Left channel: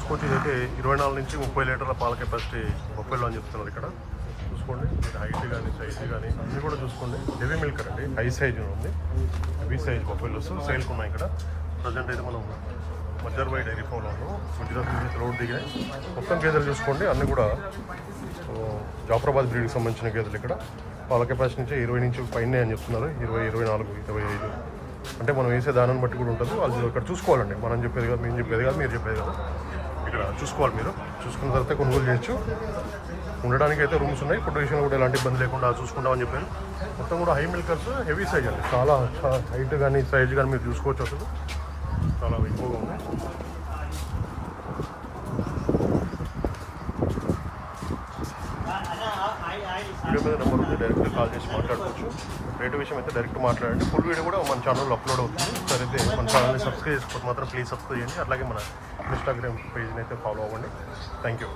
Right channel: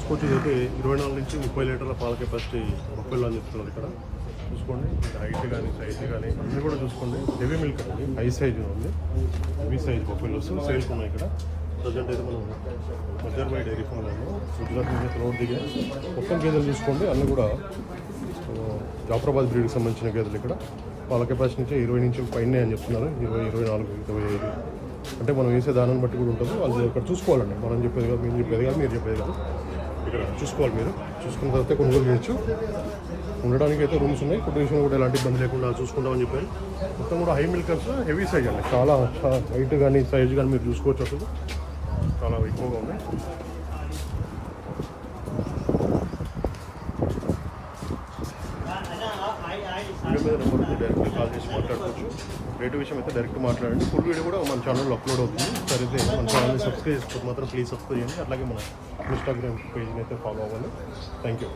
Scooty అయితే 24 నుంచి 30 లీటర్ల పాల కెపాసిటీ బొప్పల్లో అని చెప్తున్నారు ఇక్కడ. చూసుకోండి, హైట్ కానీ సైజ్ కానీ అన్నీ కూడా చూసుకోండి. హెవీ మిల్క్ అండి, హై సైజ్ ఉంది. హెవీ సైజ్ బొప్పల్లోస్ సేల్స్ ఉన్నాయి ఇక్కడ. ప్రజెంట్ అయితే మనం మజర్బాయ్ డైరీ ఫామ్లో గుజరాత్ నుంచి రోడ్ దిగే మొత్తం గేదెలు చూసుకోండి. అన్నీ కూడా జాఫరాబాద్ బ్రీడ్కి సంబంధించిన గేదెలు ఇక్కడ. పాల కెపాసిటీ నుంచి 20 నుంచి పైన అని చెప్తున్నారు. 20, 24, 25 అంటే మనం వేసే దానాన్ని బట్టి కూడా ఉంటుంది. అది ఇక్కడ చూసుకోవాలండి. మనం చెప్పేది కాదు, మేము చెప్పేది కాదు, మీరు చెప్పేది కాదు. ఇక్కడ చూసుకోవాలి. మీరు చూసుకున్న తర్వాత కొనుగోలు చేయొచ్చు. ఉండడానికి అయితే రూమ్స్ ఉన్నాయి. ఫుడ్ విషయం కూడా ఎలాంటి ఇబ్బంది లేకుండా చూసుకుంటామని చెప్పారు. మొత్తం కూడా హై మిల్కర్స్, హెవీ సైజ్ అండి. చాలా హైట్ కానీ సైజ్ కానీ మీరు చూసుకోవచ్చు. అసలు చాలా ఎక్కువగా ఉన్నాయి. డైరెక్ట్ కాల్ చేసి మాట్లాడుకోవచ్చు. రేటు విషయం అయితే డైరెక్ట్ మాట్లాడండి. ఫుల్ వీడియో కూడా మన ఛానల్లో అప్లోడ్ అవుతుంది. సరే అయితే మన ఛానల్ని సబ్స్క్రైబ్ చేసుకోవడం మాత్రం ప్లీజ్ సబ్స్క్రైబ్ చేయండి. అలాగే మన ఇన్స్టాగ్రామ్ పేజ్ని అయితే ఫాలో అవ్వండి. Thank you.